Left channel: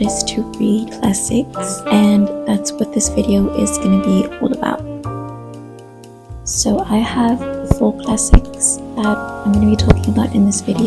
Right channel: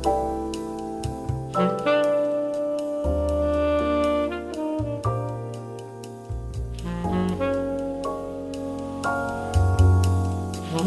hardest to read classics, and that's what this video is going to be all about. So I have 4 classics that I'm going to be talking about in this video.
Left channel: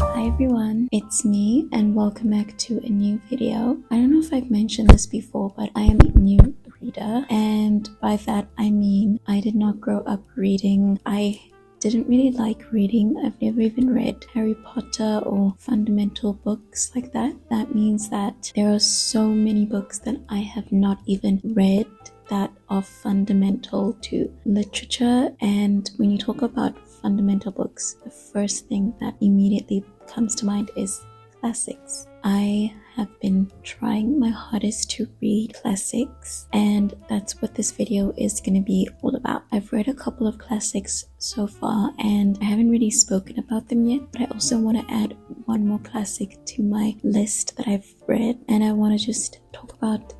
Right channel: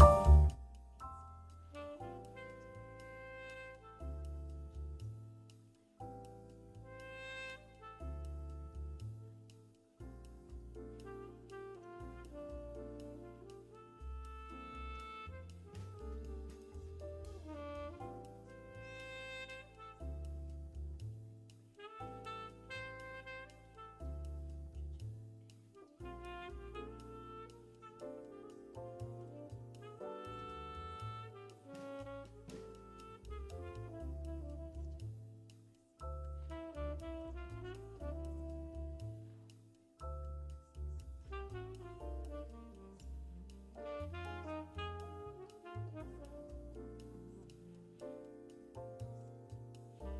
Hi everyone, it's me and welcome back to a new video. I don't know if I've mentioned this before, but I am a new reader, and by that I mean I did not grow up reading. I didn't really like reading. I've never even read Harry Potter or fundamental books like that. That means that there are so many books that I have not even read that are fundamental to literature. And when you talk about fundamental books, the first thing that immediately comes to mind is classics. I have been trying my hardest to read classics, and that's what this video is going to be all about. I've read a couple of classics so far and I haven't really spoken about them yet, but I also want to add one more classic to my list that I've read, and I want to just talk about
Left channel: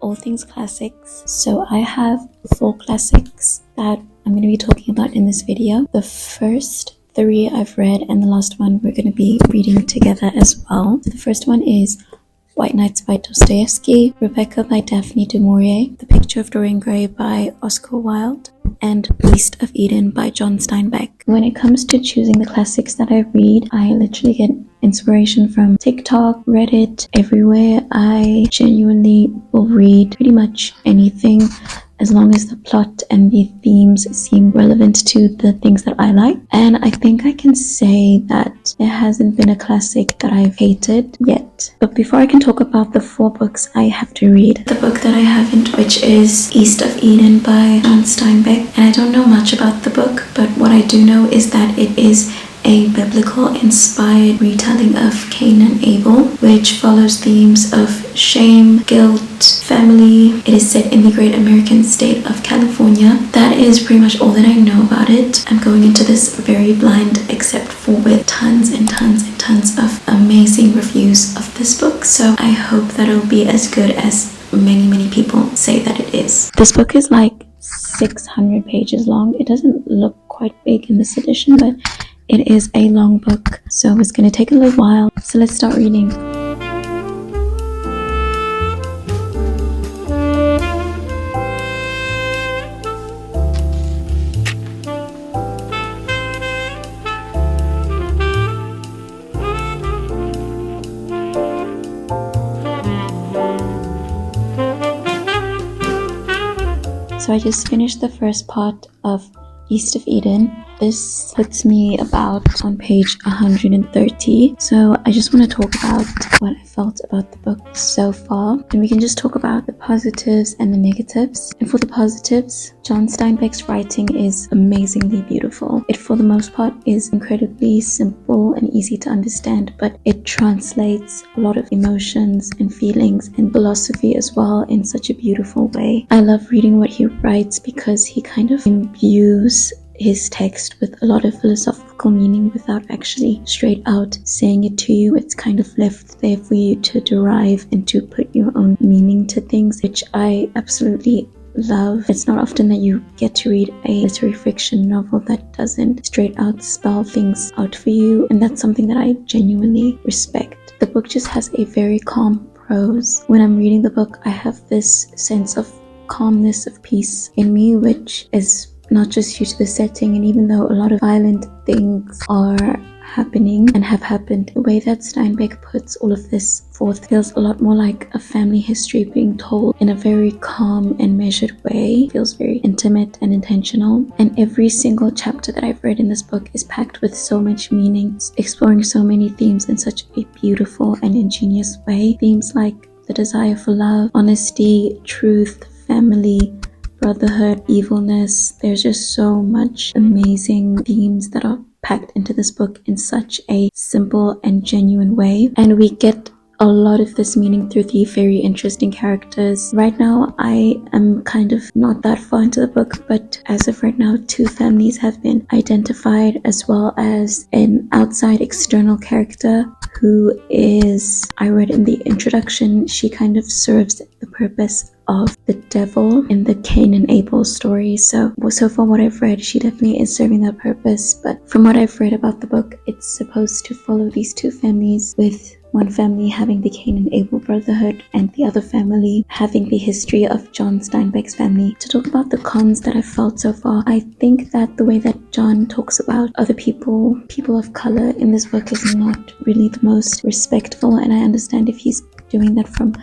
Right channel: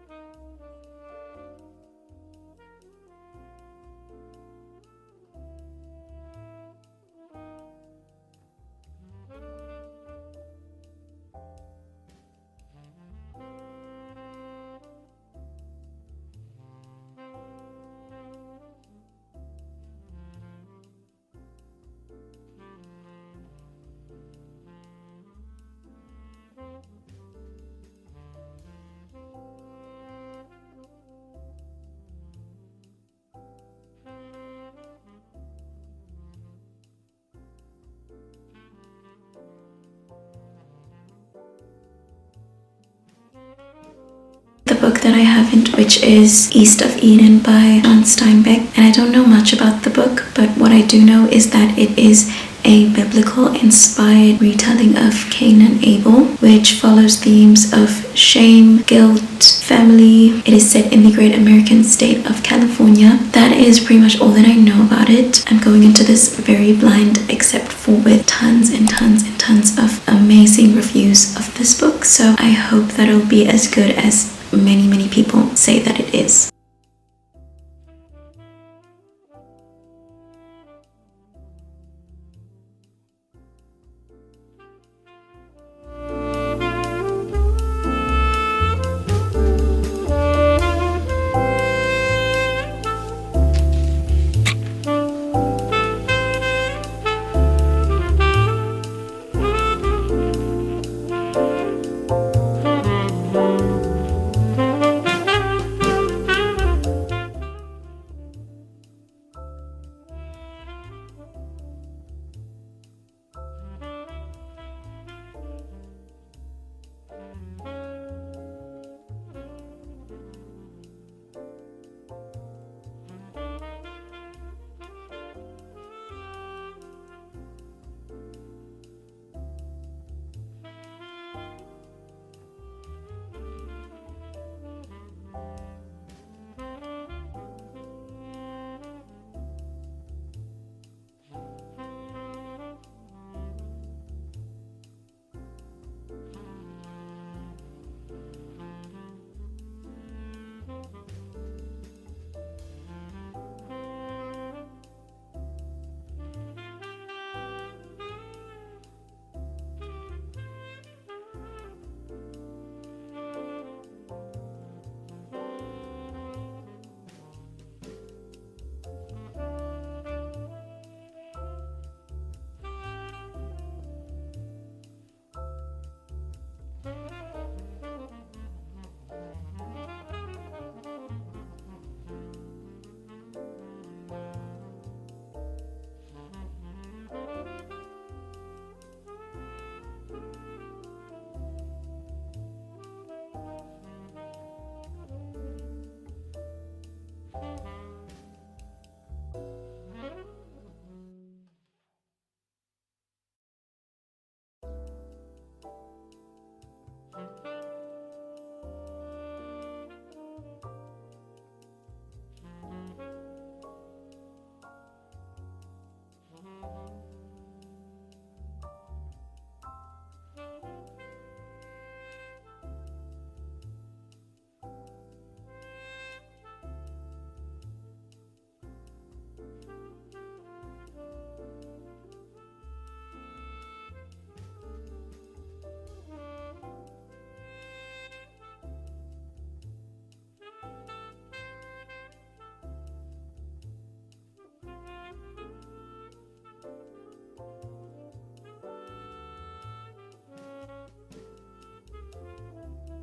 all things classics. So I have 4 classics that I'm going to be talking about in this video. The first 3 I've read, and the last one we're going to be reading together as well. So the first one is White Nights by Dostoyevsky, Rebecca by Daphne du Maurier, The Picture of Dorian Gray by Oscar Wilde, and East of Eden by John Steinbeck. When it comes to choosing the classics that I read, I literally get inspiration from TikTok, Reddit, everywhere. I genuinely will read pretty much anything as long as the plot and the themes seem relevant to the things that I like. And I think I can say that there hasn't been a classic that I've hated yet. But before I can talk about the 4 books I have to read, the book that I haven't, which is East of Eden by John Steinbeck. And I don't know much about the book, but what I do know is that it is a biblical inspired retelling of Cain and Abel, which follows themes of shame, guilt, family. It is set in the great American state of California. That is pretty much all that I know about it. I'm going into this very blind, except for with tons and tons and tons of amazing reviews of this book. So I hope that it'll be as good as many people say that it is. This book is like 600 pages long. It doesn't look quite big in this edition, but it is a long book, so it's going to take a little while. So let's start reading. So I just finished the first part of East of Eden. This puts me about on page 130. So I just want to talk about what I felt about the book so far. And we can just talk about the positives and the negatives. And for the positives, John Steinbeck's writing is amazingly beautiful. It, for the most part, is incredibly simple and easy to understand, but it translates a lot of emotions and feelings and philosophy as well in such a beautiful way. I love reading what he writes because he kind of imbues his text with a lot of philosophical meaning without actually straight out saying it to you. It's kind of left there for you to derive and to put your own meaning to things, which I absolutely love. It's not often that you get to read a literary fiction novel that doesn't straight out spell things out for you, and that's something that I genuinely respect. The book just has a very calm prose. When I'm reading the book, I have this sense of calmness, of peace in me, which is not just due to the setting, and even though a lot of violent things are happening and have happened, the way that Steinbeck puts all of this forth feels a lot more like a family history being told in a very calm and measured way. It feels very intimate and intentional, and every single chapter that I've read in this book is packed with so much meaning, exploring so many themes in such a beautiful and ingenious way. Themes like the desire for love, honesty, truth, family, brotherhood, evilness. There's just so much amazing themes that are packed into this book in such a simple and genuine way, and we get a lot of this meaning through the very interesting characters. Right now I am kind of not that far into the book, but as of right now 2 families have been identified, as well as an outside external character who is, I read in the introduction, she kind of serves the purpose of the devil in the Cain and Abel story. So from what I've read, she definitely is serving that purpose. But from what I've read about the book, it's supposed to follow these two families with one family having the Cain and Abel brotherhood and the other family having the history of John Steinbeck's family. To talk about the cons that I've felt so far, I think that the way that John talks about other people of color in this book is not really the most respectful, and I understand if he's doing that from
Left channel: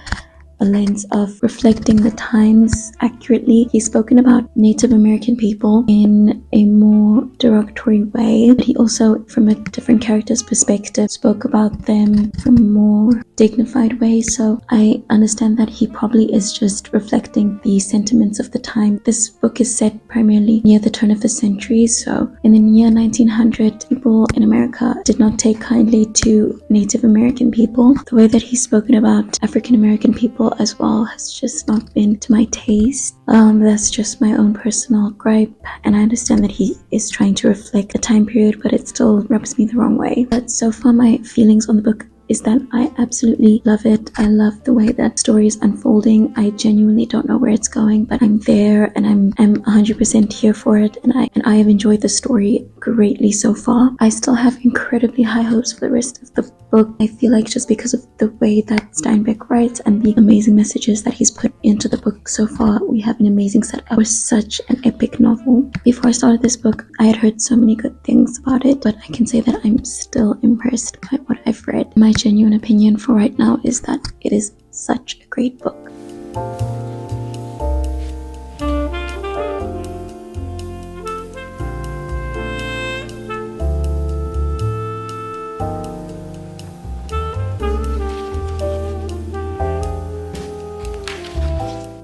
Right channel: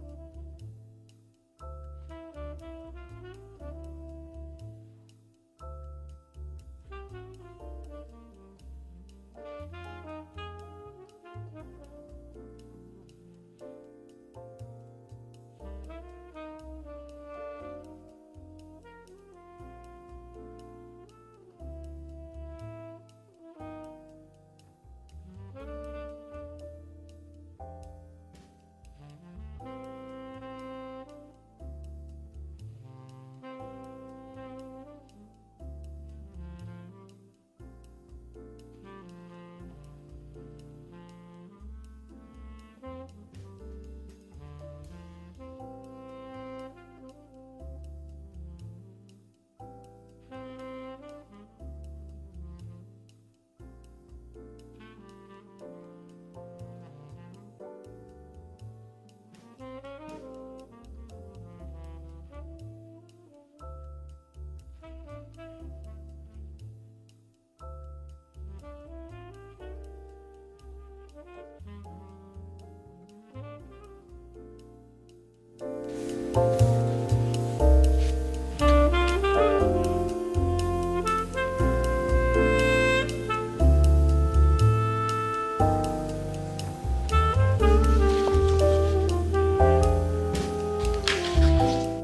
a lens of reflecting the times accurately. He's spoken about Native American people in a more derogatory way, but he also, from a different character's perspective, spoke about them from a more dignified way. So I understand that he probably is just reflecting the sentiments of the time. This book is set primarily near the turn of the century, so in the year 1900, people in America did not take kindly to Native American people. The way that he's spoken about African American people as well has just not been to my taste. That's just my own personal gripe, and I understand that he is trying to reflect the time period, but it still rubs me the wrong way. But so far my feelings on the book is that I absolutely love it. I love the way that story is unfolding. I genuinely don't know where it's going, but I'm there and I'm 100% here for it, and I have enjoyed the story greatly so far. I still have incredibly high hopes for the rest of the book. I feel like just because of the way that Steinbeck writes and the amazing messages that he's put into the book so far, we have an amazing setup for such an epic novel. Before I started this book, I had heard so many good things about it, but I can say that I'm still impressed by what I've read. My genuine opinion for right now is that it is such a great book.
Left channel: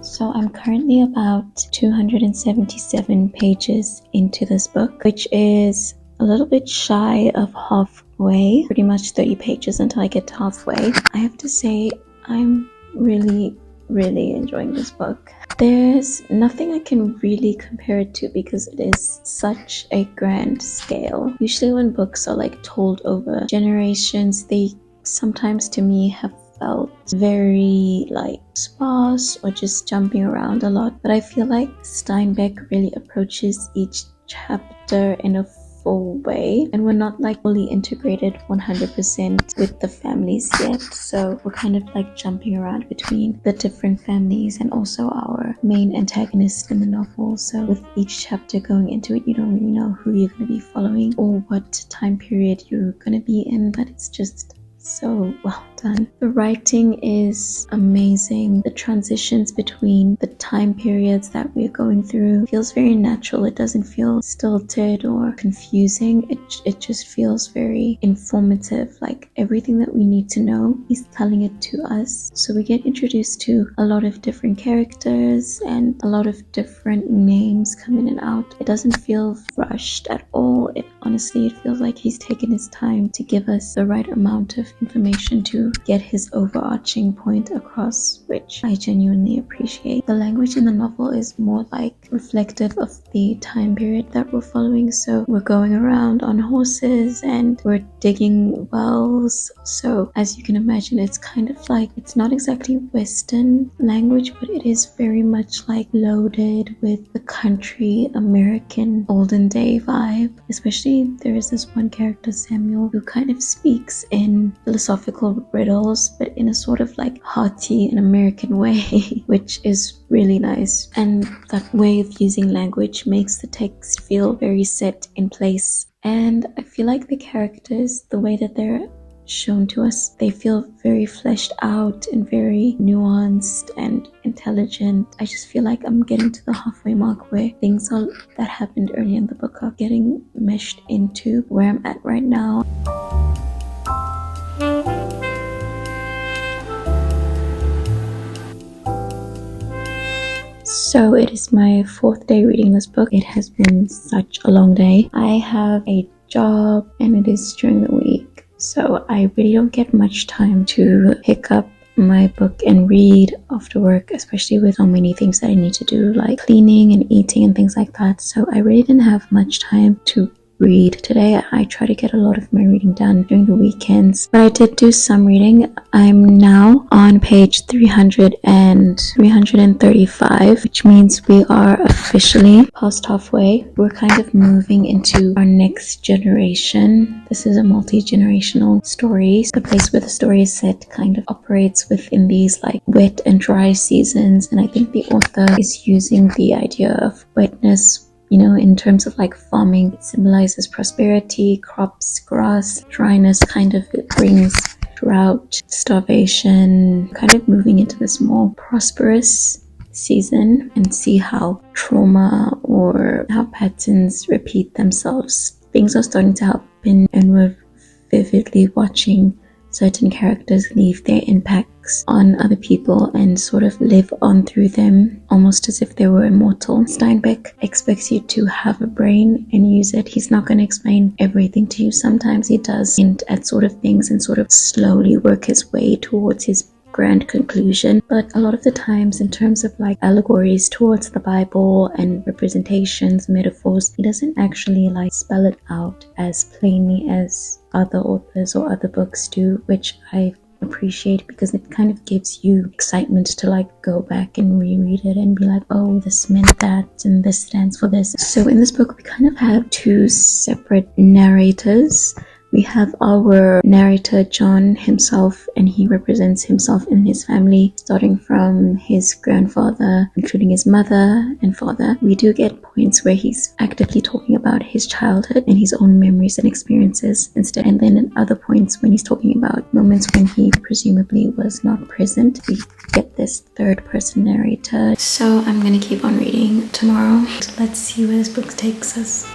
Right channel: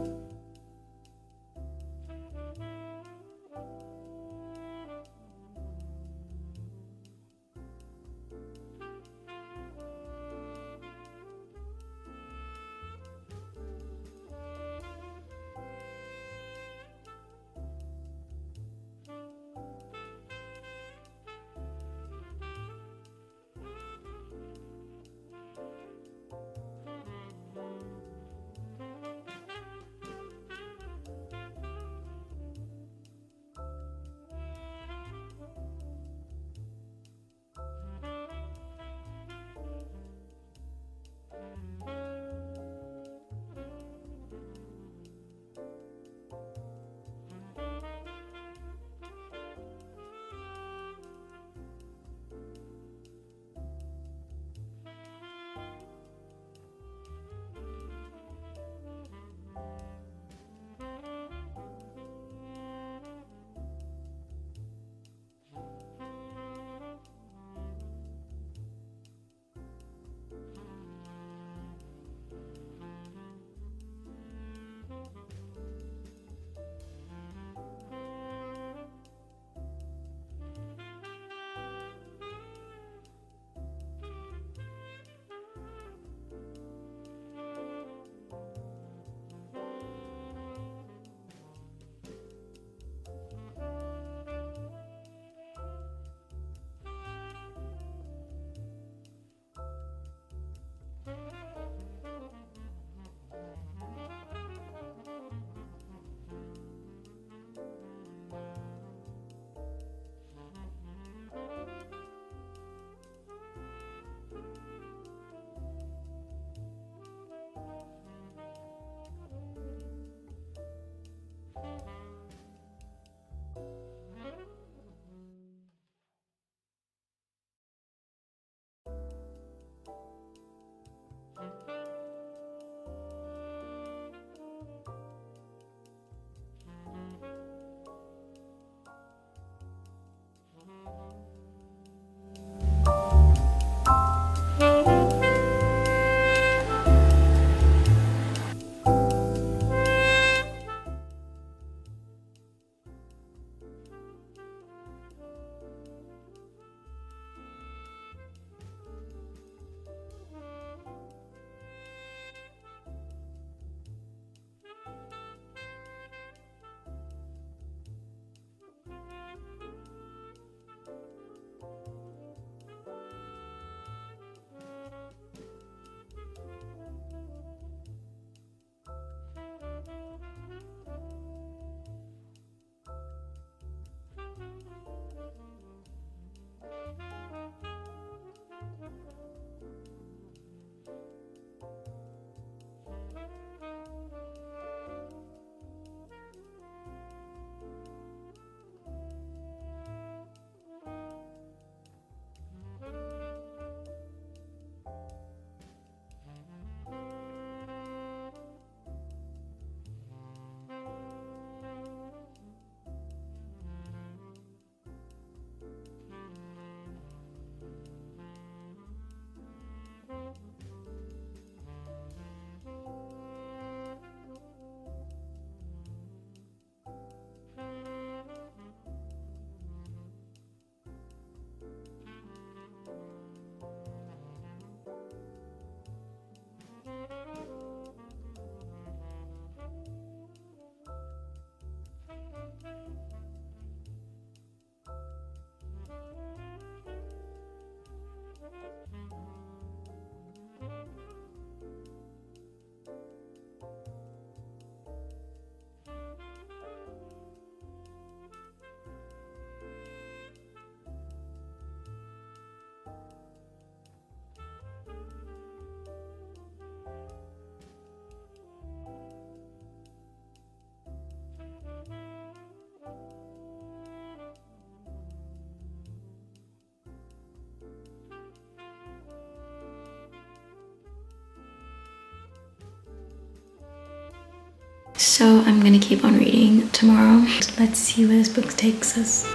So I'm currently about 277 pages into this book, which is a little bit shy of halfway, pretty much 30 pages until I get to halfway. I have to say I'm really enjoying this book. There's nothing I can really compare it to because it is such a grand scale. Usually when books are like told over generations, they sometimes to me have felt very like sparse or just jumping around a lot, but I feel like Steinbeck really approaches each chapter in a full way, and we're not like fully integrated 100% with the families yet, so we're kind of like jumping around between the different families and also our main antagonist in the novel. So with each chapter going into it, you don't really know who you're going to be following or what time period you're going to be in, but it's just so well done. The writing is amazing. The transitions between the time periods that we're going through feels very natural. It doesn't feel stilted or confusing. It just feels very informative. Like everything that we need to know, he's telling it to us. So we get introduced to a lot of different characters and a lot of different names come in and out. It doesn't feel rushed at all. Honestly, it feels like he's taken his time to give us the right amount of information to get his overarching point across, which I genuinely appreciate. The language in the novel is more like reflective of the time period that we're following. So we're going around on horses and we're digging wells. So as you can imagine, it's kind of like, it's not exactly Western language, but it is very much like loaded with the country American olden day vibe. Especially there is this one character, Samuel, who kind of speaks in philosophical riddles, but in a sort of like hearty and American way, which is really nice. And that way of using language makes the text feel very set in place. And I feel like the characters, the way that they're shown to us, they feel very fleshed out and very nuanced and intelligent. I just feel like I'm getting to the halfway mark where things that happened early in the book are getting meshed into where I'm at right now. So it is my fourth day reading this book. It has been such a long day. I have a job and it is during the week, so I really don't get much time to pick up my book and read after work, especially with so many things that I need to do like cleaning and eating and things like that. So I really didn't have much time to read today. I try to get a lot of my reading done during the weekends, but I did do some reading. I'm now on page 300 and 335, which means we are officially past halfway. We're kind of moving into our next generation. This is a multi-generational story. The place where the story is set kind of operates within these like wet and dry seasons, and I think the author is using the idea of wetness, you know, in terms of like farming. It symbolizes prosperity, crops, grass. Dryness kind of it brings drought, starvation, kind of moving into this more prosperous season, and see how trauma or how patterns repeat themselves. Things are starting to happen, and we're vividly watching certain characters leave their impacts on other people and sort of live on through them, almost as if they were immortal. Steinbeck expects you to have a brain and use it. He's not going to explain everything to you. Sometimes he does hint at sort of things and sort of slowly work his way towards his grand conclusion, but a lot of the times in terms of like allegories towards the Bible and representations, metaphors, he doesn't actually like spell it out as plainly as other authors or other books do, which I appreciate because it kind of gives you excitement to like go back and reread it and be like, oh, this meant that and this stands for this. So in this book we kind of have two separate narrators. We have our narrator John himself, and he represents himself and his family, starting from his grandfather, including his mother and father. We do get points where he's actively talking about his childhood and his own memories and experiences instead, and then at other points when he's talking about moments when he presumably was not present, we get this third person narrator. So I'm gonna keep on reading tomorrow. Let's see where this book takes us.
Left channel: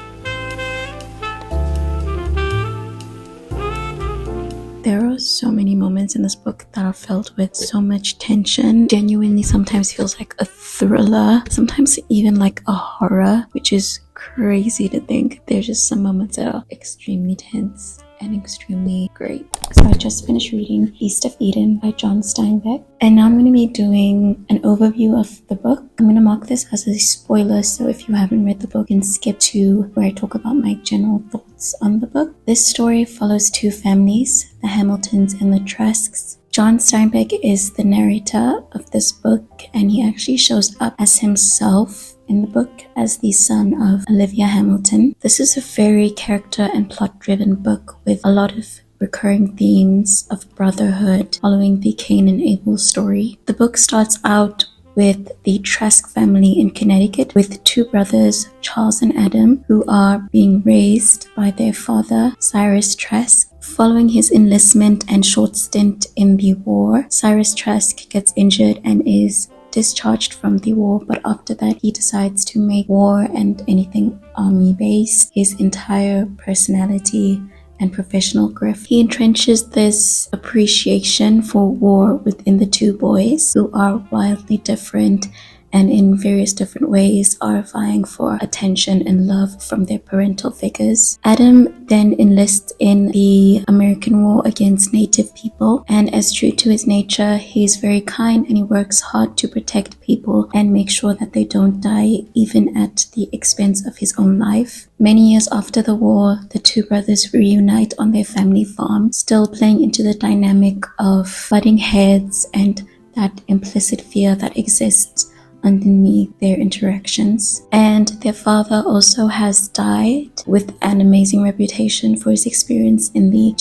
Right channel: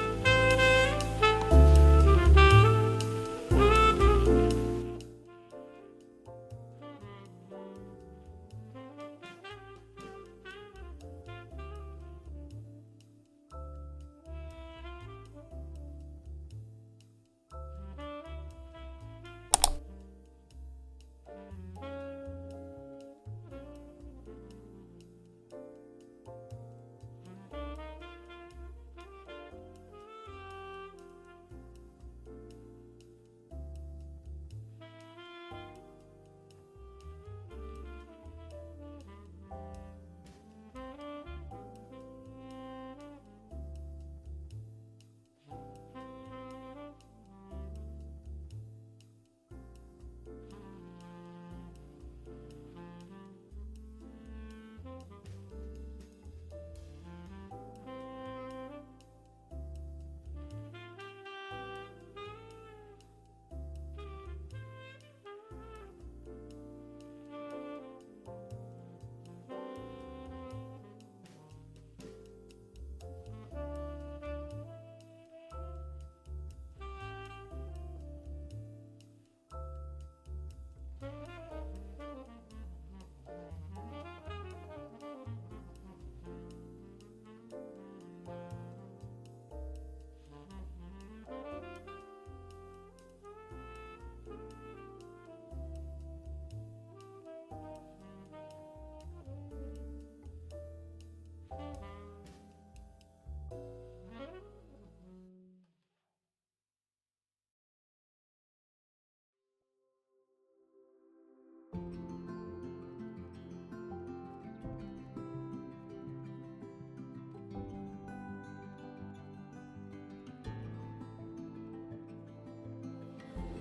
So many moments in this book that are filled with so much tension. Genuinely sometimes feels like a thriller, sometimes even like a horror, which is crazy to think. There's just some moments that are extremely tense and extremely great. So I just finished reading East of Eden by John Steinbeck, and now I'm going to be doing an overview of the book. I'm going to mark this as a spoiler, so if you haven't read the book, you can skip to where I talk about my general thoughts on the book. This story follows two families, the Hamiltons and the Trasks. John Steinbeck is the narrator of this book, and he actually shows up as himself in the book as the son of Olivia Hamilton. This is a very character and plot-driven book with a lot of recurring themes of brotherhood following the Cain and Abel story. The book starts out with the Trask family in Connecticut with two brothers, Charles and Adam, who are being raised by their father, Cyrus Trask. Following his enlistment and short stint in the war, Cyrus Trask gets injured and is discharged from the war, but after that he decides to make war and anything army-based his entire personality and professional growth. He entrenches this appreciation for war within the two boys, who are wildly different and in various different ways are vying for attention and love from their parental figures. Adam then enlists in the American war against Native people, and as true to his nature, he's very kind and he works hard to protect people and make sure that they don't die, even at the expense of his own life. Many years after the war, the two brothers reunite on their family farm, still playing into the dynamic of butting heads and that implicit fear that exists underneath their interactions. And their father also has died, with an amazing reputation for his experience in the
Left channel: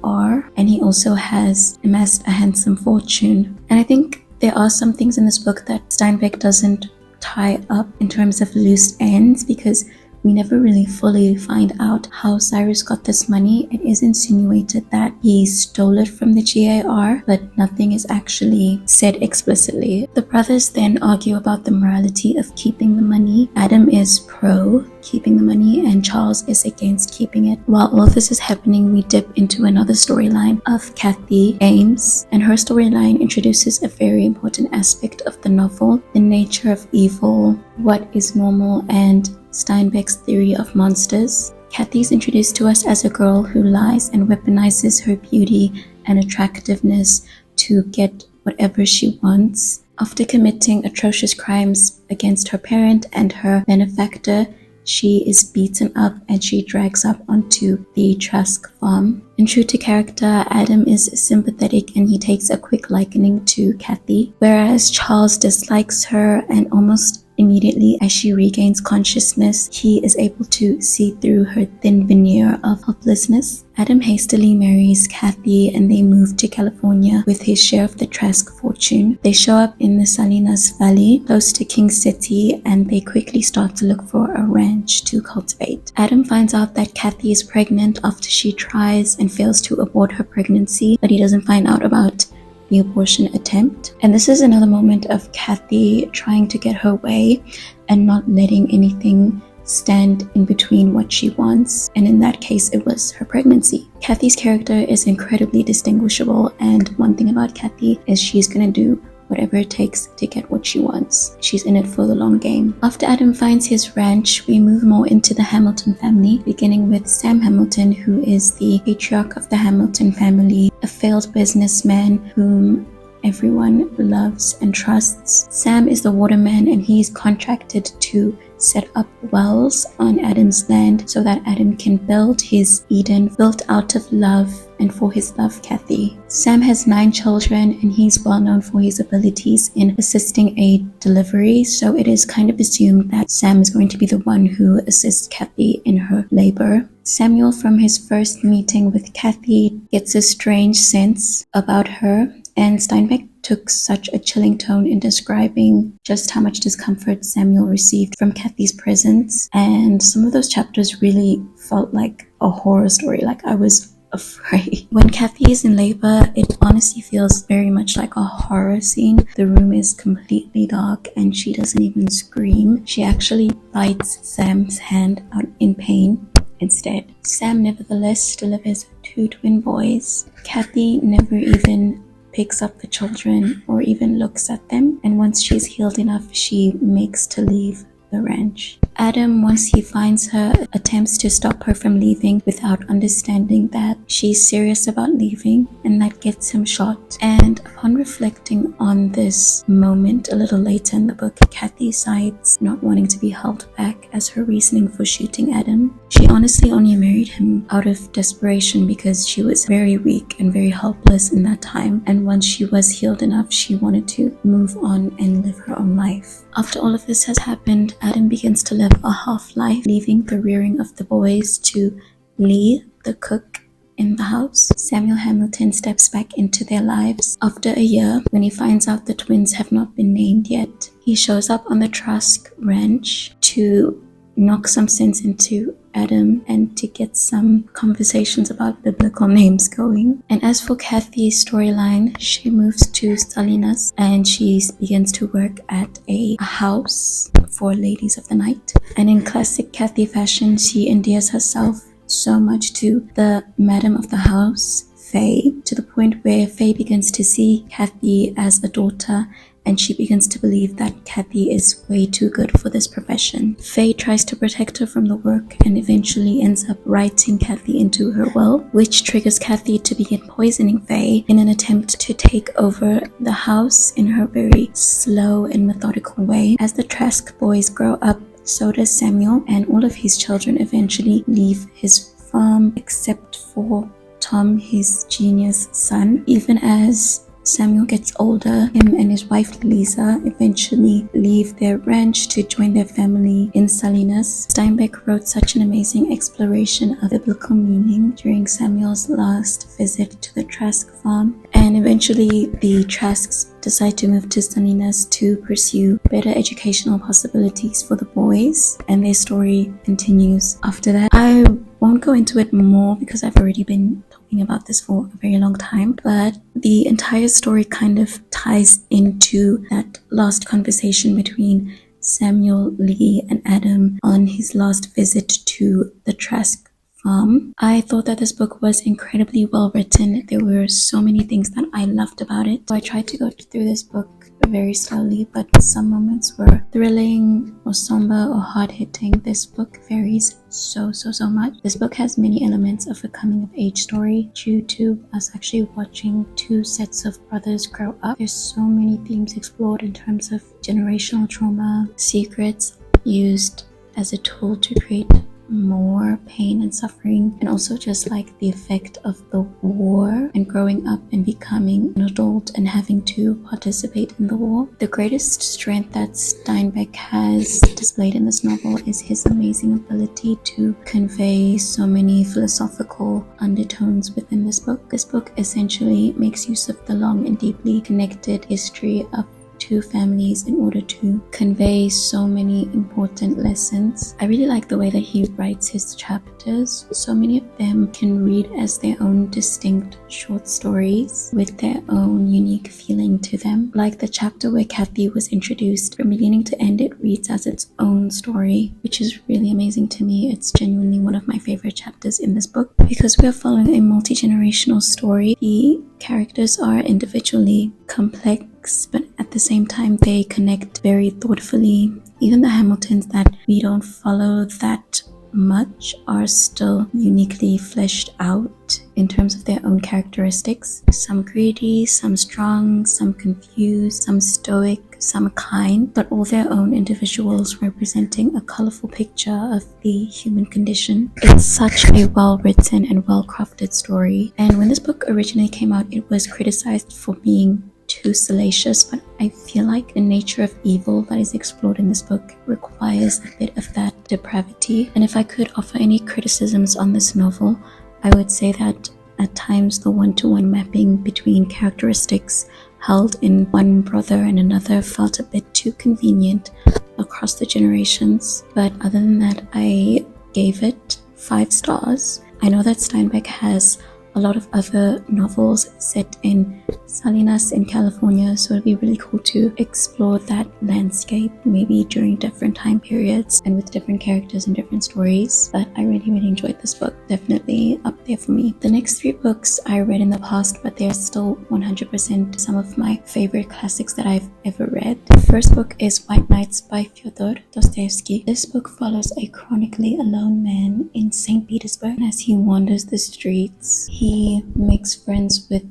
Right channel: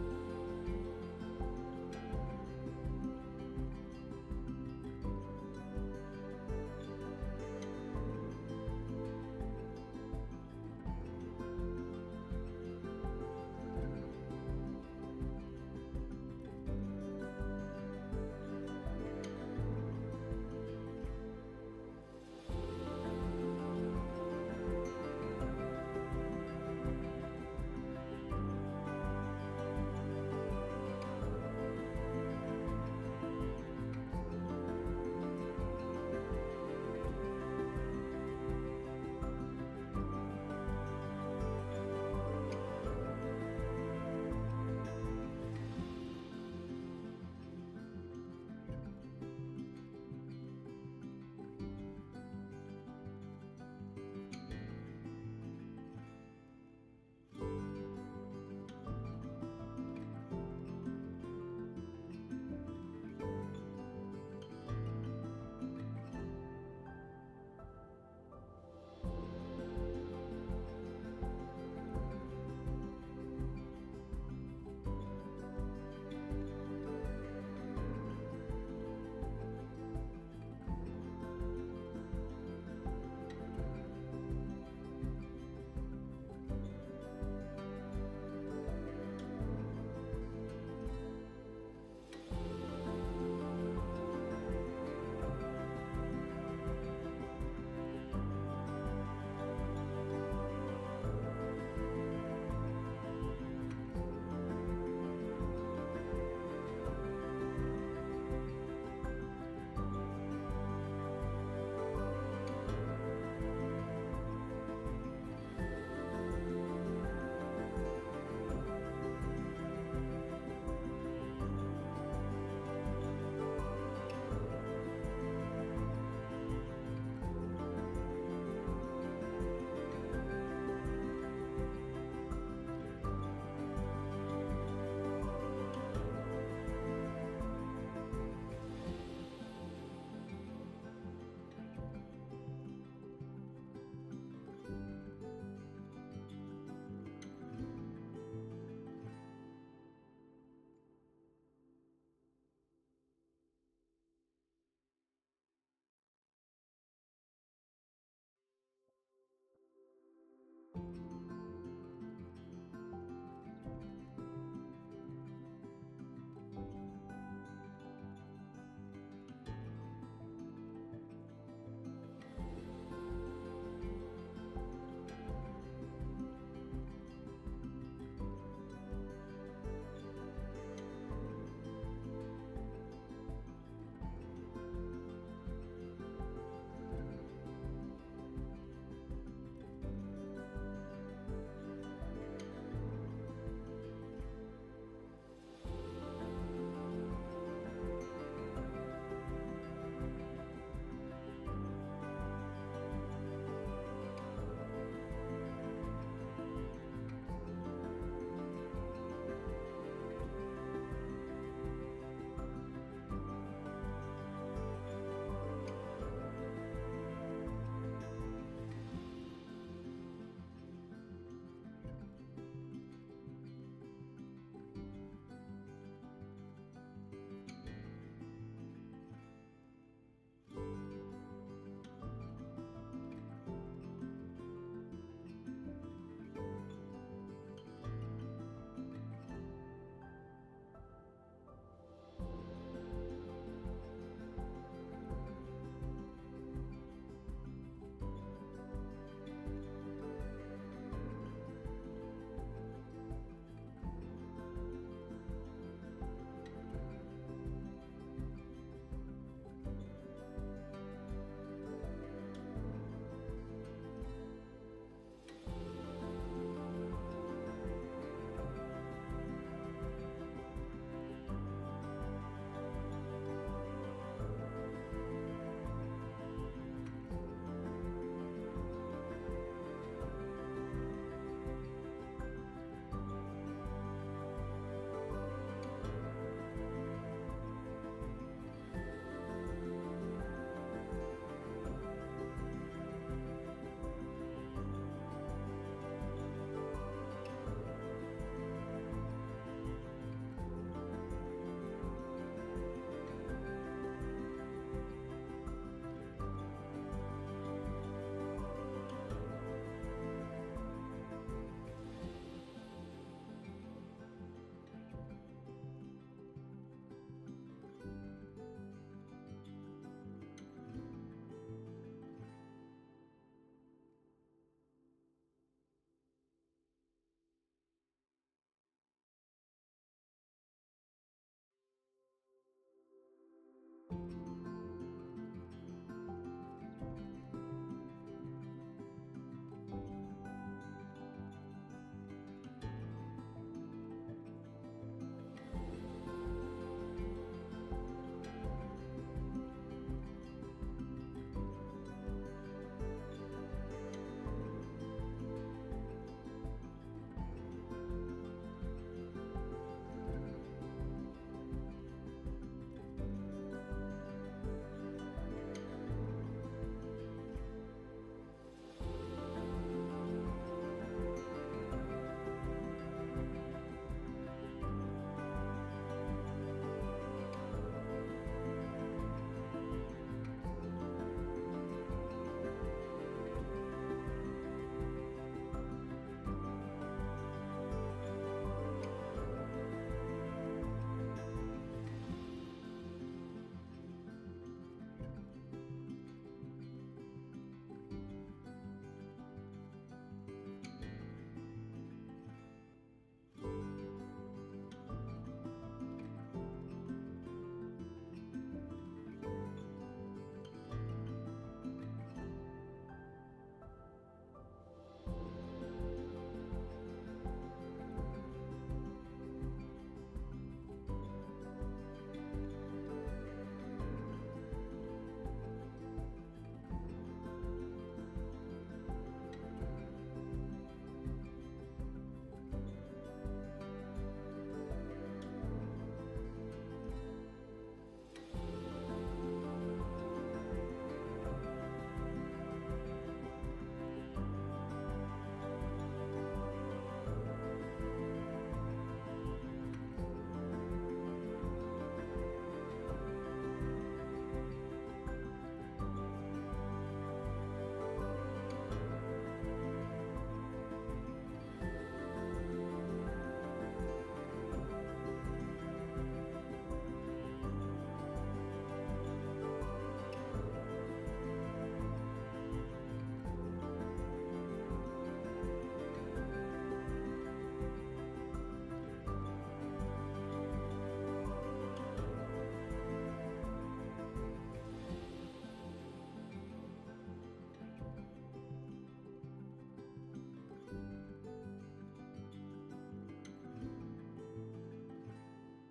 GAR, and he also has amassed a handsome fortune. And I think there are some things in this book that Steinbeck doesn't tie up in terms of loose ends, because we never really fully find out how Cyrus got this money. It is insinuated that he stole it from the GAR, but nothing is actually said explicitly. The brothers then argue about the morality of keeping the money. Adam is pro keeping the money and Charles is against keeping it. While all of this is happening, we dip into another storyline of Kathy Ames, and her storyline introduces a very important aspect of the novel: the nature of evil, what is normal, and Steinbeck's theory of monsters. Kathy is introduced to us as a girl who lies and weaponizes her beauty and attractiveness to get whatever she wants. After committing atrocious crimes against her parent and her benefactor, she is beaten up and she drags up onto the Trask farm. And true to character, Adam is sympathetic and he takes a quick likening to Kathy, whereas Charles dislikes her, and almost immediately as she regains consciousness, he is able to see through her thin veneer of helplessness. Adam hastily marries Kathy and they move to California with his share of the Trask fortune. They show up in the Salinas Valley, close to King City, and they quickly start to look for a ranch to cultivate. Adam finds out that Kathy is pregnant after she tries and fails to abort her pregnancy, but he doesn't find out about the abortion attempt. And this is another moment of Kathy trying to get her way and not letting anything stand in between what she wants, and in that case it was her pregnancy. Kathy's character is incredibly distinguishable, and one thing about Kathy is she's gonna do whatever it takes to get what she wants. She's in it for the long game. After Adam finds his ranch, we move more into the Hamilton family, beginning with Sam Hamilton, who is the patriarch of the Hamilton family, a failed businessman whom everyone loves and trusts. Sam is the waterman and he's contracted to set up wells on Adam's land so that Adam can build his Eden, built out of love and for his love Kathy. Sam has 9 children and he's well known for his abilities in assisting a delivery, so it is kind of assumed that Sam is going to be the one who assists Kathy in her labor. Samuel, from his first meeting with Kathy, gets a strange sense about her, and Steinbeck took such a chilling tone in describing just how much discomfort Samuel received from Kathy's presence, and some of those chapters really felt like a horror story, like I was afraid. When Kathy is in labor, it honestly feels very much like a horror scene. The room is completely dark and she doesn't even scream. She actually bites Sam's hand out in pain instead. Sam nevertheless delivers 2 twin boys. Kathy never even picks up the children or even looks at them, and once she's healed enough, she makes to leave the ranch. Adam, once he finds her, attempts to stop her from leaving without understanding that she's serious about leaving, and that gets him shot. And upon reflecting on this moment a little later in the book, Kathy cites not wanting to be held back as her reasoning for shooting Adam. She honestly only married him out of desperation because she was very weak and very helpless in that time, and once she was healed enough, she wanted to move on and live her own life. After all of this has happened, Adam begins to live a half-life, leaving the rearing of the boys to Lee, the cook in the house. Samuel Hamilton steps back into their lives after a year when he finds out the twins have not been named yet. He shows up on the Trask ranch to knock some sense into Adam and to get some conversations about biblical names going. And as for Kathy's storyline, she moves to Salinas and she begins to work at a house for ladies of the night. And in classic Kathy fashion, she endears herself so much to the madam of the house, Faye, to the point where Faye begins to see Kathy as a daughter, and she begins to believe that Kathy is way too good for this profession. Faye tries to protect her from the work and eventually ends up writing Kathy into her will, which triggers Kathy to begin poisoning Faye in an attempt to take over the house in her very slow and methodical way. As the Trask boys grow up, so does Samuel, and all of his children eventually leave his farm except for Tom, his genius son. Even as Samuel gets older, him and his wife Lisa eventually leave their ranch to join their family in Salinas. Steinbeck wrote such an amazing exploration of biblical meaning during Samuel's last visit to the Trask farm, and eventually the Trasks decide to move to Salinas to pursue better educational possibilities for the boys, and their story continues after that. I won't go into it more because I've already been about this for a very long time, but the entire story kind of ties into that last conversation between Samuel, Lee, and Adam on his last visit to the Trask farm. I thought that this book was incredibly well written. There were so many things that I loved about it. So I tried to go through this book very slowly, but some moments were thrilling or somber or hard-hitting. This book varies so much. This book has many elements of a coming-of-age story due to us actually watching 2 sets of brothers grow up. There's so many themes explored in terms of generational trauma, secrets used as a tool to create more pain and suffering, and also just like the effect of the war and growing up and becoming an adult and having to participate in the war. The greatest strength that Steinbeck has displayed in this novel is his amazing ability to convey so many philosophical undertones within this book. This book essentially makes use of the long and deeply connected history of two families in order to convey so many important lessons. I really like the way that he writes his chapters. So many of them can read as their own distinct short stories with their own unique feeling to them. Like the chapter where Kathy was introduced, from beginning to end it reads as its own story, which is really amazing to me. It's genuinely one of my favorite chapters in this book because we are following a multi-generational story. The characters are individually complex, but at the same time they connect very thoughtfully. Even the Hamiltons that we don't follow that much are still uniquely fleshed out in terms of their own characteristics. Some greedy, some strong, some confused, some stoic, some kind, but all their own individuals representing a colorful picture of the human condition. It's such a well-written and well-crafted story, and when this book originally came out, it was criticized for being too salacious, but I feel like the nature of evil that is explored in this book requires a bit of that depravity. And if I could offer any criticisms on this novel, I would say that at times the one-to-one mapping between characteristics held in one brother and another felt a bit too convenient across the generations. But other than that, I gave it 5 stars. I know that Steinbeck has a lot of other novels set in Salinas in California, so it'd be really cool to explore that landscape, maybe during different time periods and with different characters and different stories. But I really enjoyed this book, definitely up there for me. The next 3 books I read in the past, but they're still 100% some of my favorite classics that I've ever read. The first book is White Nights by Fyodor Dostoyevsky. This book follows a chronically alone man in St. Petersburg. As he wanders the streets, he makes friends with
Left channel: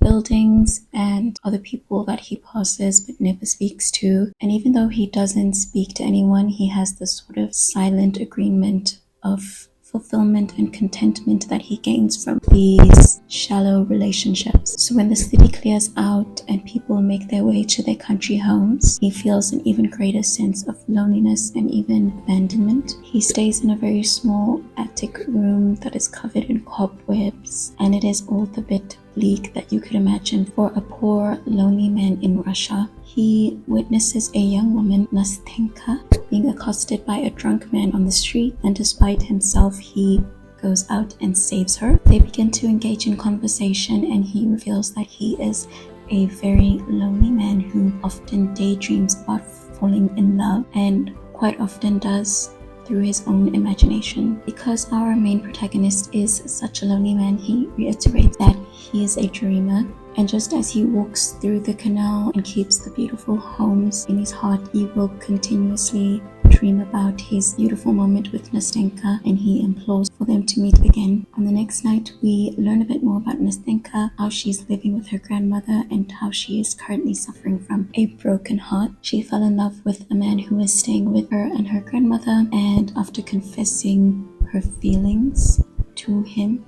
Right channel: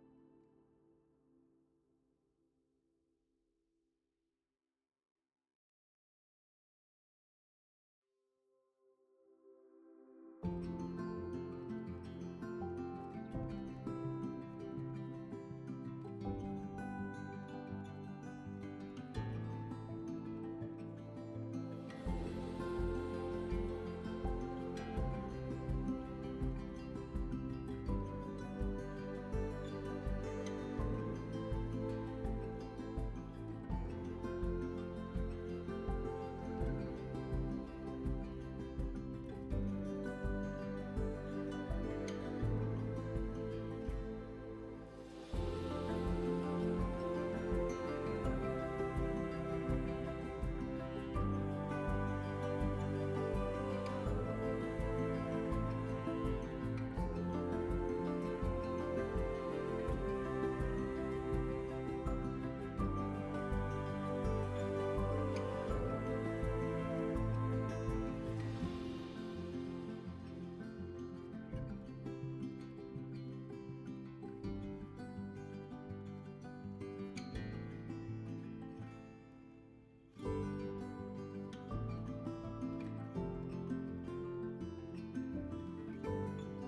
buildings and other people that he passes but never speaks to. And even though he doesn't speak to anyone, he has this sort of silent agreement of fulfillment and contentment that he gains from these shallow relationships. So when the city clears out and people make their way to their country homes, he feels an even greater sense of loneliness and even abandonment. He stays in a very small attic room that is covered in cobwebs, and it is all the bit bleak that you could imagine for a poor, lonely man in Russia. He witnesses a young woman, Nastenka, being accosted by a drunk man on the street, and despite himself, he goes out and saves her. They begin to engage in conversation, and he reveals that he is a very lonely man who often daydreams about falling in love, and quite often does through his own imagination. Because our main protagonist is such a lonely man, he reiterates that he is a dreamer, and just as he walks through the canal and keeps the beautiful homes in his heart, he will continuously dream about his beautiful moment with Nastenka, and he implores for them to meet again. On the next night, we learn a bit more about Nastenka, how she's living with her grandmother, and how she is currently suffering from a broken heart. She fell in love with a man who is staying with her and her grandmother, and after confessing her feelings to him,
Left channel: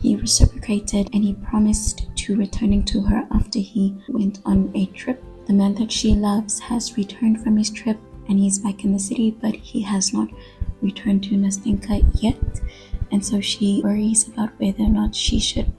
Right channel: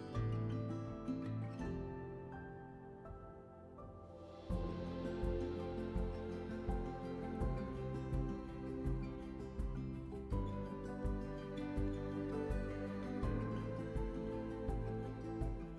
he reciprocated, and he promised to returning to her after he went on a trip. The man that she loves has returned from his trip, and he's back in the city, but he has not returned to Nastenka yet, and so she worries about whether or not she should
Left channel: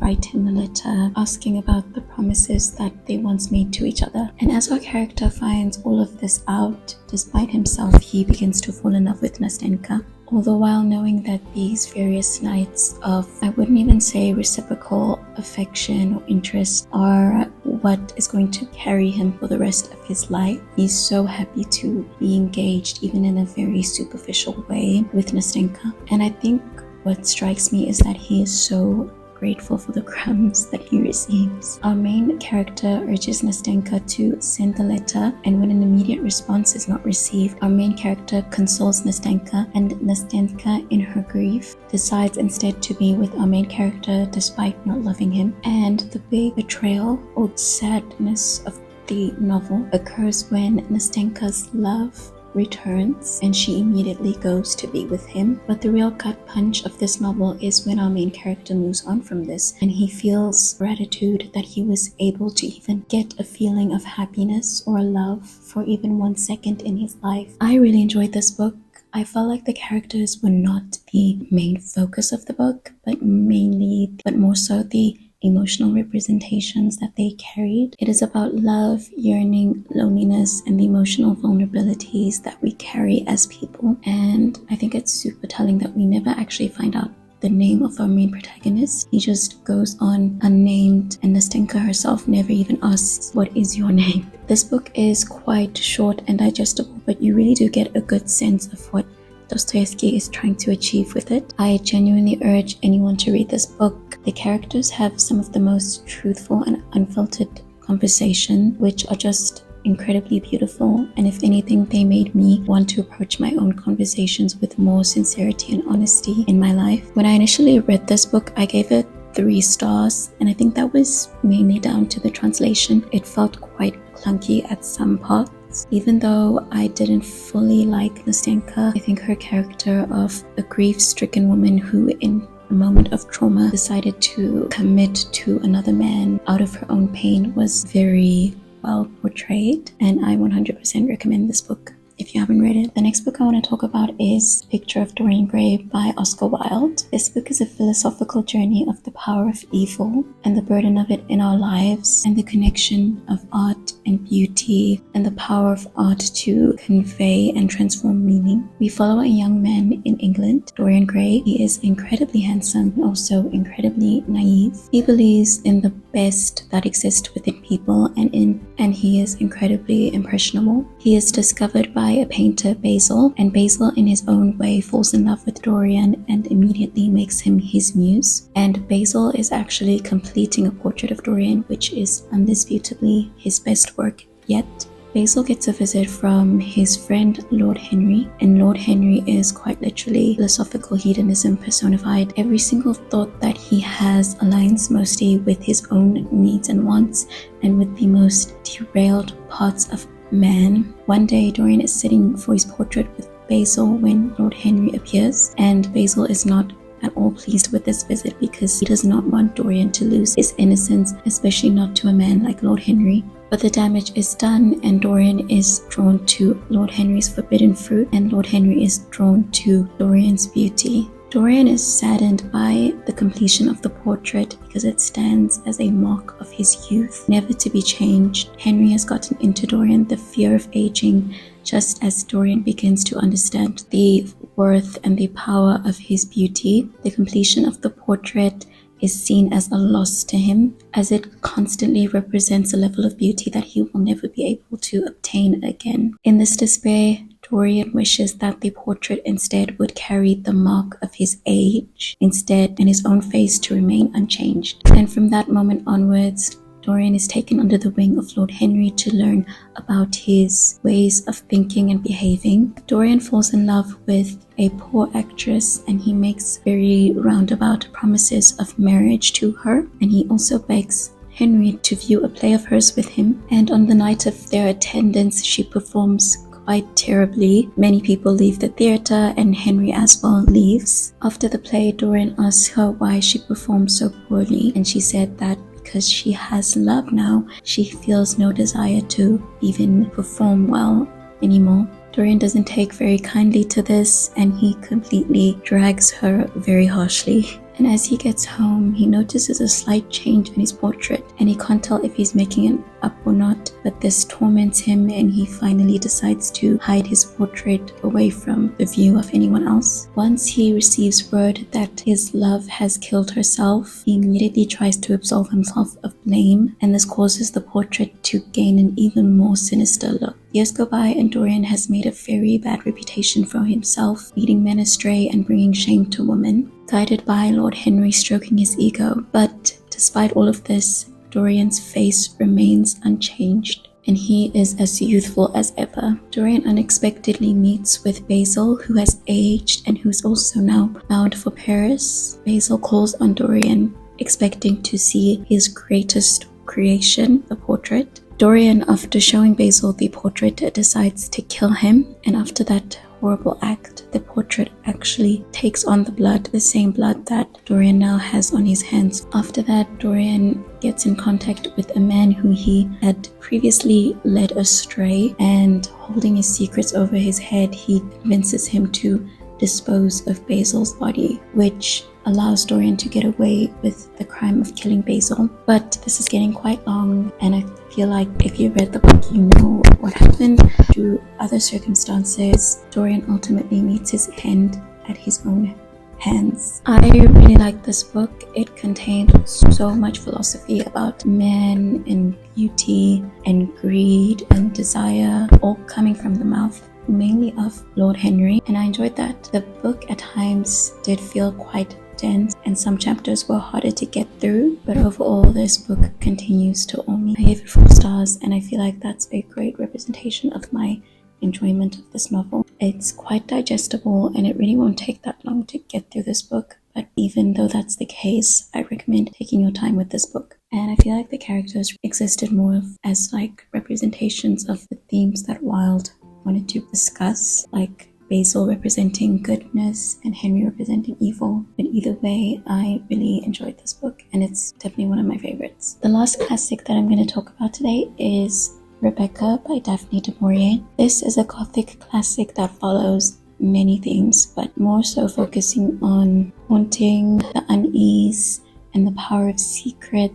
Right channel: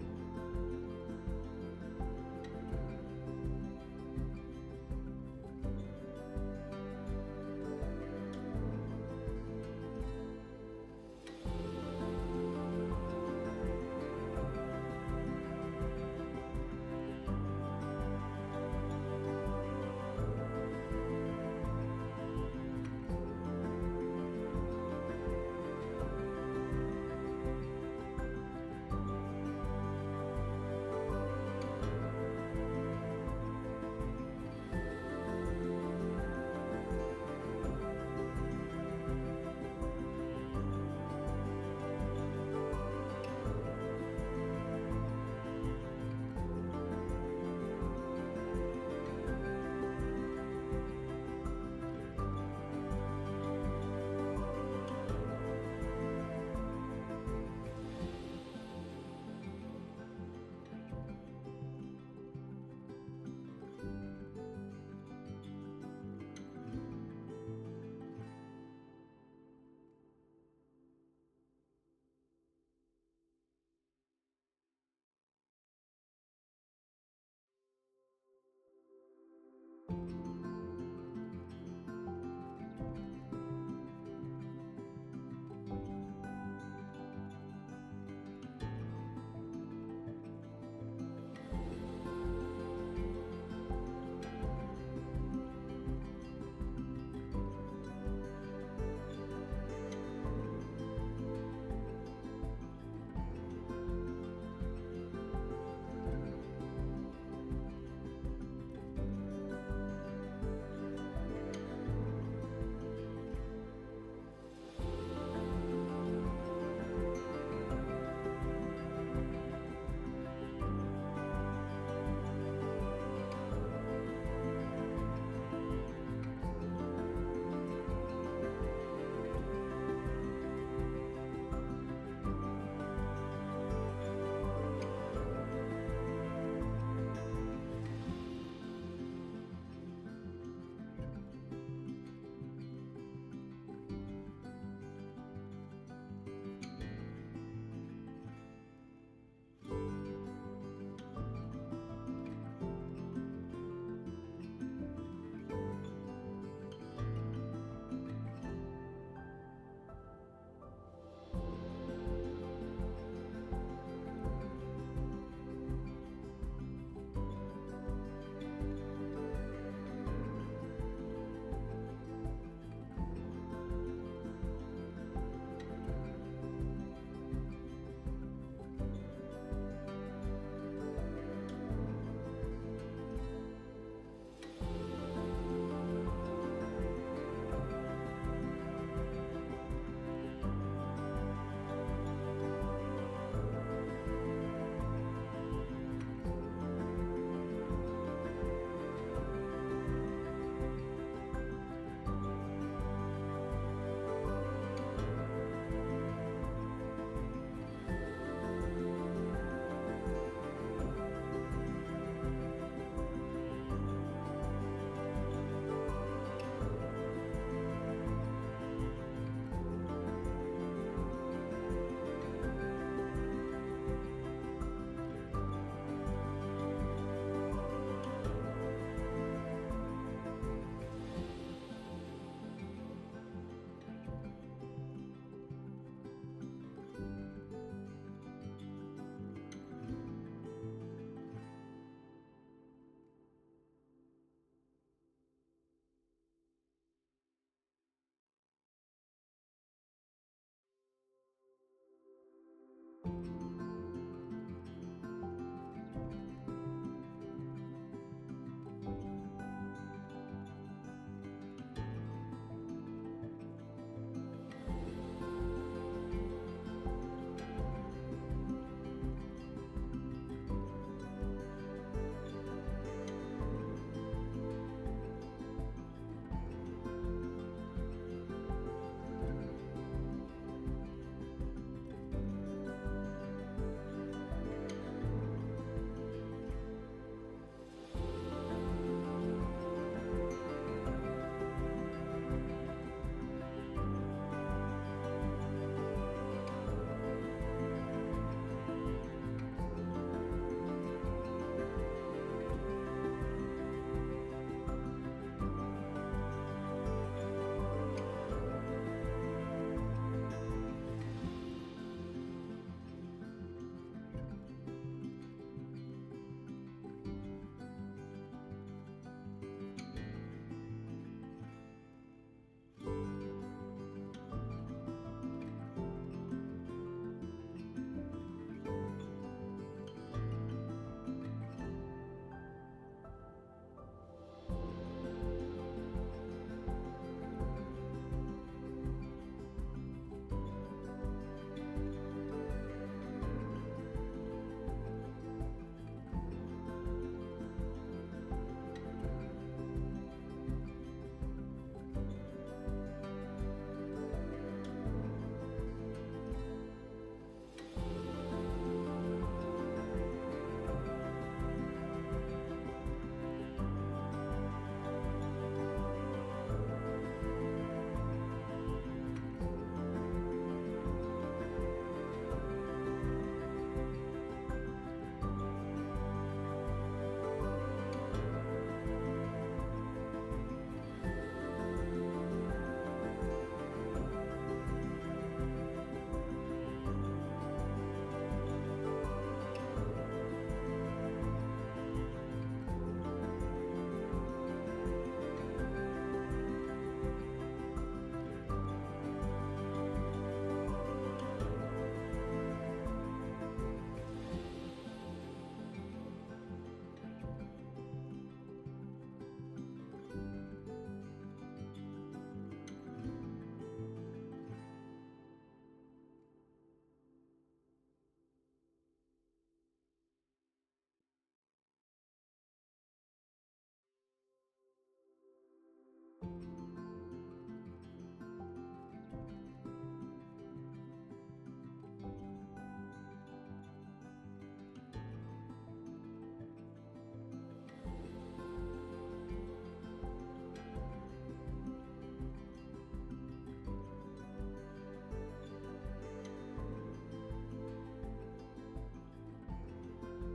write him a letter asking about the promises that they once made to each other. And as our character finds all of this out, despite himself, he begins to fall in love with Nastenka. Although while knowing that these various nights of, I wouldn't even say reciprocal affection or interest, are what is going to carry him for the rest of his life, he's so happy to be engaged, even in a very superficial way, with Nastenka. And I think what strikes me is that he is so grateful for the crumbs that he receives. Our main character urges Nastenka to send the letter, and when an immediate response is not received, our main character consoles Nastenka, and Nastenka, in her grief, decides instead to be with our main character despite not loving him. And the big betrayal or sadness of the novel occurs when Nastenka's love returns and she immediately goes to be with him. But the real gut punch of this novel is when our main character moves on from this and he feels gratitude that he was able to even get a feeling of happiness or love for even 1 second in his life. I really enjoyed this book. I felt like the characters were not the main focus of the book, but more so the emotional representations that they carried. It is about love, yearning, loneliness, and the emotional vulnerabilities that we carry as people. And I think it's super telling that we never actually find out the name of our main protagonist. He just goes on unnamed, and Nastenka herself never even asks, "What is your name?" This book is quite short and digestible, but you really do get a good sense of what Dostoyevsky is trying to achieve with it. I genuinely urge anyone to read this book. The characters have some of the most truthful and unfiltered conversation, which are just incredibly beautiful, and if anything, they made me want to approach my own conversations with more sincerity and honesty in my life. When I initially read this book, I gave it 3 stars, and I think that was mainly down to the translation. It felt quite clunky at some parts. Even though I didn't fully like Nastenka, I think her character of a grief-stricken woman who in a moment of trauma decided to commit to another man out of her own pain was very well portrayed, and I 100% recommend this book if you haven't read it. The next book I want to talk about is Picture of Dorian Gray by Oscar Wilde. This book is a philosophical journey of the power of evil and the burden of it in our lives, and the connection of art and beauty and the power of art to convey and transform meaning. We follow a young man in England, Dorian Gray. He is incredibly handsome and also incredibly naive. He believes in the best that exists within people, and he is incredibly impressionable. He is discovered by a painter, Basil, and Basil in his own way falls in love with Dorian and immediately makes him his muse. And Basil is actually completing a portrait of Dorian, which is undisputably his best work yet. Basil gets a visit from his friend Lord Henry, and Lord Henry is quite literally philosophical hedonism personified. Every single thought that he has aligns mostly with his own needs and wants, and with the most derailed parts of man. One day, Dorian is sitting for his portrait with Basil when Lord Henry appears, and Basil is not at all pleased with this visit because he does not want Dorian to lose his innocence, especially not to a man like Lord Henry. But the damage is done, and Dorian is drawn to Lord Henry's forbidden fruit, and Lord Henry is drawn to Dorian's beauty. Dorian is saddened by the completion of the portrait because it stands as a mark of his youth, never to be changed. Henry has gotten into Dorian the fear of aging, just as Dorian begins to understand the worth and the power of his beauty. The completion of the portrait is seen as a loss to him, as it constantly represents a level of beauty that he will never be able to obtain again. In this despair, Dorian wishes that the portrait instead would carry the mark of his age instead, and his own face to remain unchanged. And from that moment onwards, Dorian is taken under the wing of Lord Henry to learn about his ways of thinking and behaving. Dorian falls in love with a poor actress, and he makes very roundabout promises of marriage to her, and he also begs Henry to view a play of hers with him, and on the night of their attendance she performs quite terribly. Many people leave the theatre, and Henry as well leaves. After the play, Dorian asks her why she performed so poorly, and she said that because she has love now, she feels no desire to even perform well anymore. Dorian doesn't take very kindly to this, and he completely drags her very harshly. And as he gets home, he notices a slight change in his portrait, and he can't tell if he's making it up or not, but this torments him, and he finally decides to hide his portrait away from the view of anyone else. Once he receives word that his love has killed herself, he immediately tries to absolve himself of blame, and this causes the portrait to gain an even more sinister look. Years go by, and Dorian has made a very bad reputation for himself, leading men astray and bringing shame to women, guided by Lord Henry stroking his ego. But despite all of this, Dorian's face remains unchanged, and he is as youthful as ever. Dorian unexpectedly meets with Basil, who has aged and who's also now bound for Paris. Basil calls on Dorian, expecting to see his greatest creation, the portrait. Dorian, after showing Basil the portrait, decides to kill him, and after that horrible act, the portrait actually takes on the same blood that Dorian now has on his hands. After that, Dorian gets in contact with a man who he had previously led astray, and holding his secrets over his head, he convinces him to dispose of Basil's body, which allows Dorian to get away with the crime of killing Basil. But this is getting quite long, and I feel like if you read the book, you know what happened. Through other circumstances, Dorian ultimately meets his end at his own hands. I really like this book. It contained so much philosophy about men and beauty and greed and desire, all coming from the mouth mainly of Lord Henry, and I enjoyed that. The book at times did feel quite dense, and some chapters were harder to get through, but overall this book continues to awe me. I gave it 4 stars, and I feel like that's a great representation of my enjoyment of this novel. It's quite digestible, and it really won't take that long to get through this book, but even though that's the case, I recommend taking your time with this book. And I feel like the characters existed more as like representations of the themes that Wilde wanted to discuss, like Basil representing goodness and Henry representing evil. But either way, I really enjoyed this book, and it's definitely one of my favorites. The last classic that I'm going to talk about today is Rebecca by Daphne du Maurier. This is a Gothic classic that follows many themes, but more so focusing on haunting, the unease, and the power of secrets,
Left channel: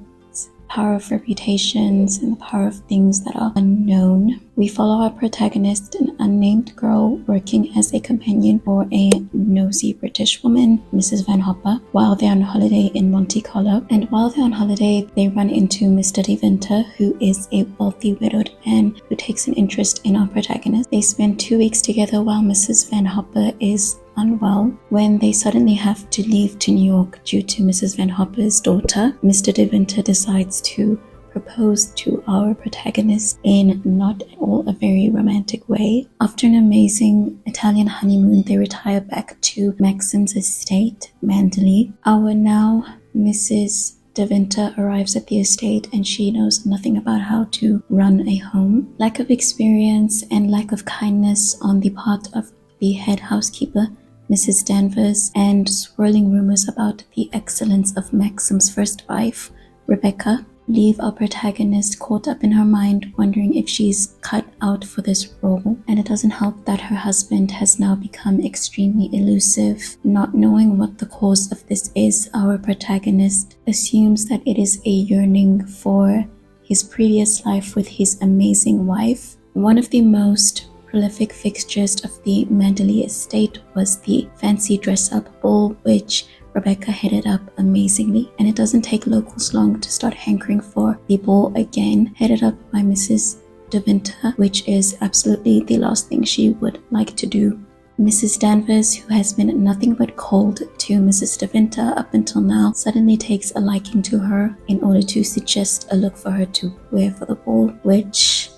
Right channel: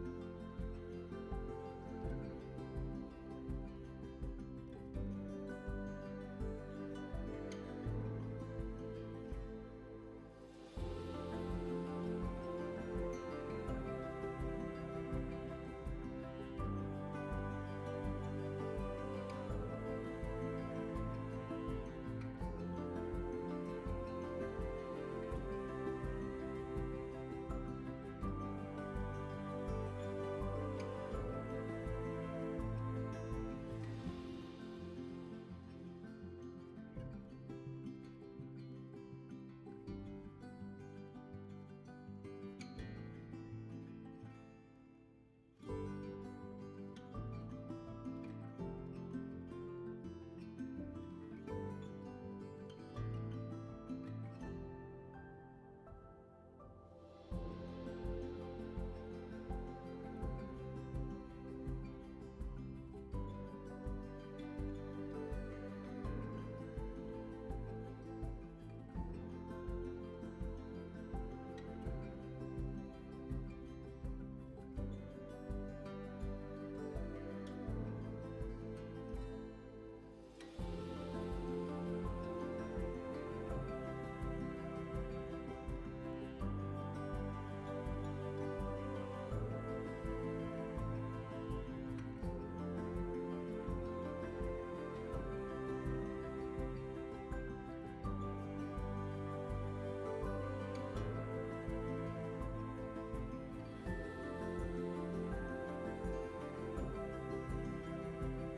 power of reputations, and the power of things that are unknown. We follow our protagonist, an unnamed girl working as a companion for a nosy British woman, Mrs. Van Hopper, while they're on holiday in Monte Carlo. And while they're on holiday, they run into Mr. De Winter, who is a wealthy widowed man who takes an interest in our protagonist. They spend 2 weeks together while Mrs. Van Hopper is unwell. When they suddenly have to leave to New York due to Mrs. Van Hopper's daughter, Mr. De Winter decides to propose to our protagonist in not at all a very romantic way. After an amazing Italian honeymoon, they retire back to Maxim's estate, Manderley. Our now Mrs. De Winter arrives at the estate, and she knows nothing about how to run a home. Lack of experience and lack of kindness on the part of the head housekeeper, Mrs. Danvers, and swirling rumors about the excellence of Maxim's first wife, Rebecca, leave our protagonist caught up in her mind, wondering if she's cut out for this role. And it doesn't help that her husband has now become extremely elusive. Not knowing what the cause of this is, our protagonist assumes that it is a yearning for his previous life with his amazing wife. One of the most prolific fixtures of the Manderley estate was the fancy dress-up ball, which Rebecca headed up amazingly, and it doesn't take locals long to start hankering for the ball again, headed up by Mrs. De Winter, which is absolutely the last thing she would like to do. Mrs. Danvers, who has been nothing but cold to Mrs. De Winter up until now, suddenly takes a liking to her in order to suggest a look for her to wear for the ball, which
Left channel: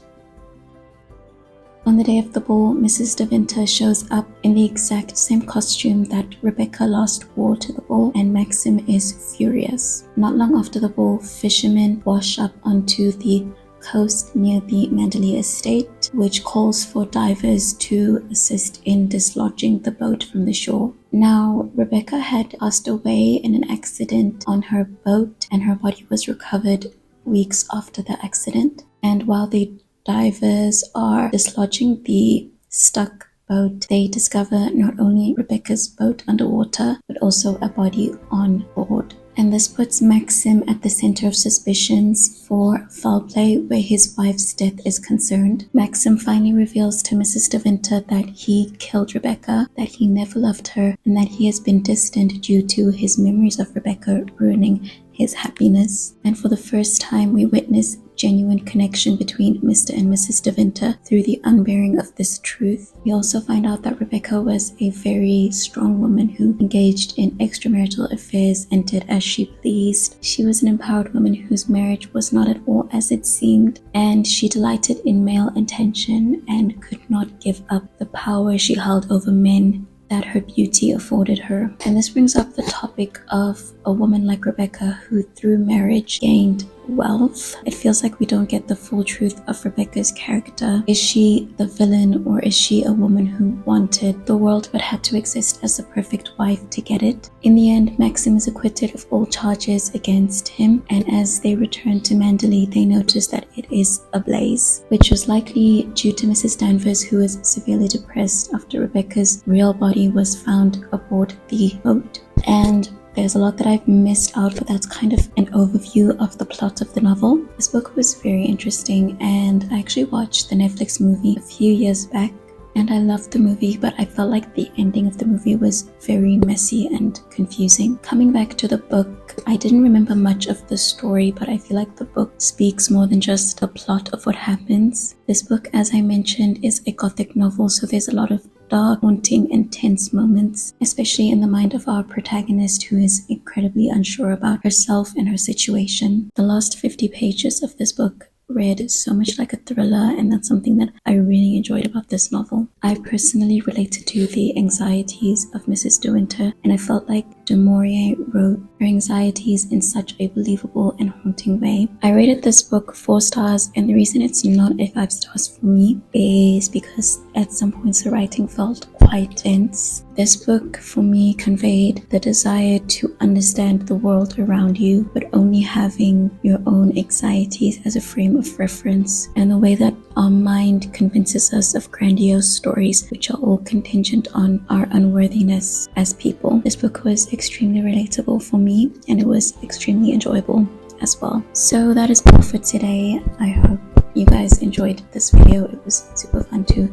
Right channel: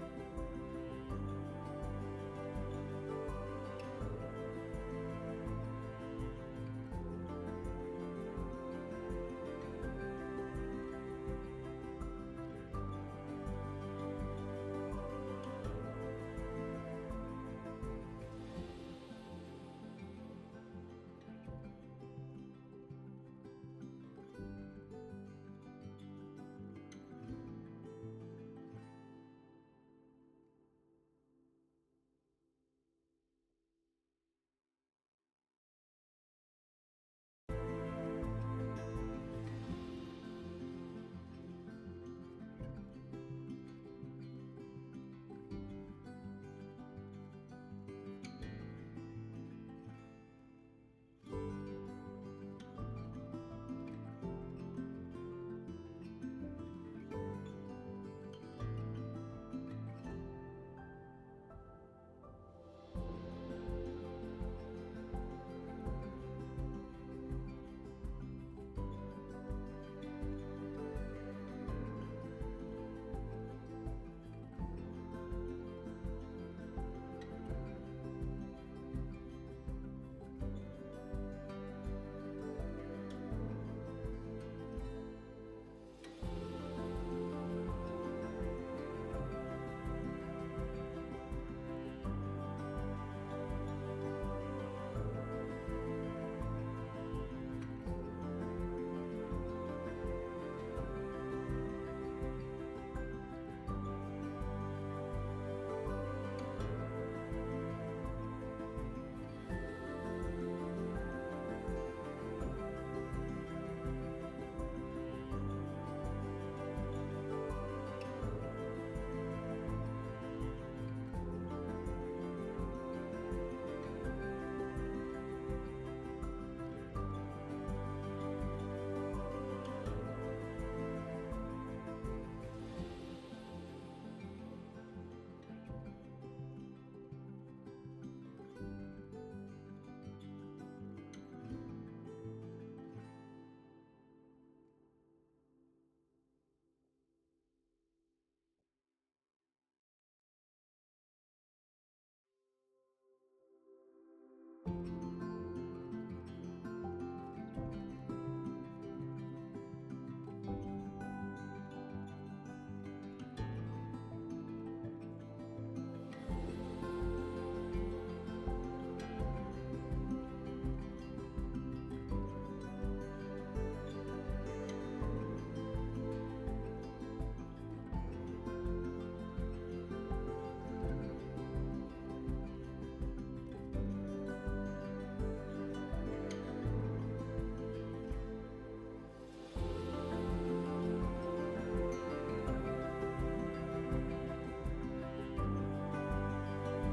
on the day of the ball, Mrs. De Winter shows up in the exact same costume that Rebecca last wore to the ball, and Maxim is furious. Not long after the ball, fishermen wash up onto the coast near the Manderley estate, which calls for divers to assist in dislodging the boat from the shore. Now, Rebecca had passed away in an accident on her boat, and her body was recovered weeks after the accident. And while the divers are dislodging the stuck boat, they discover not only Rebecca's boat underwater, but also a body on board. And this puts Maxim at the center of suspicions for foul play where his wife's death is concerned. Maxim finally reveals to Mrs. De Winter that he killed Rebecca, that he never loved her, and that he has been distant due to his memories of Rebecca ruining his happiness. And for the first time, we witness genuine connection between Mr. and Mrs. De Winter through the unbearing of this truth. We also find out that Rebecca was a very strong woman who engaged in extramarital affairs and did as she pleased. She was an empowered woman whose marriage was not at all as it seemed, and she delighted in male attention and could not give up the power she held over men that her beauty afforded her. And this brings up the topic of a woman like Rebecca, who through marriage gained wealth. It feels like we don't get the full truth of Rebecca's character. Is she the villain, or is she a woman who wanted the world but had to exist as the perfect wife to get it? In the end, Maxim is acquitted of all charges against him, and as they return to Manderley, they notice that it is ablaze, which was likely due to Mrs. Danvers, who was severely depressed after Rebecca's real body was found aboard the boat. And there's a lot that I've missed out, but that's kind of an overview of the plot of the novel. This book was very interesting, and I actually watched the Netflix movie a few years back, and I loved the movie, but I felt like the ending of the movie was very messy and confusing. Coming back to the book, I didn't remember much of the story, but I feel like the book speaks more than just the plot of what happens. This book, as I mentioned, is a gothic novel, so there's a lot of dark, haunting, and tense moments, especially in the mind of our protagonist, who is incredibly unsure about herself and her situation. The last 50 pages of this book read so much like a thriller, and that's something that I really enjoyed about this novel. I personally related to the anxieties of Mrs. De Winter, and I felt like de Maurier wrote her anxieties in such a believable and haunting way. I rated this book 4 stars, and the reason it's not a 5 stars for me is because at some points the writing felt quite dense. This book for me conveyed the desire to understand the world around you, but only having your own anxieties as a frame of reference, and the way that our mind convinces us of grandiose stories which are all contingent on our unworthiness as people. This book was extremely relatable for me, and it was extremely enjoyable as well. So that is all for today. I hope you guys enjoyed this video. It was super fun to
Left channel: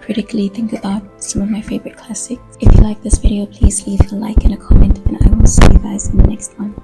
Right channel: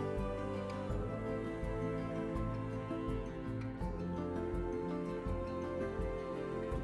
critically think about some of my favorite classics. If you like this video, please leave a like and a comment, and I will see you guys in the next one.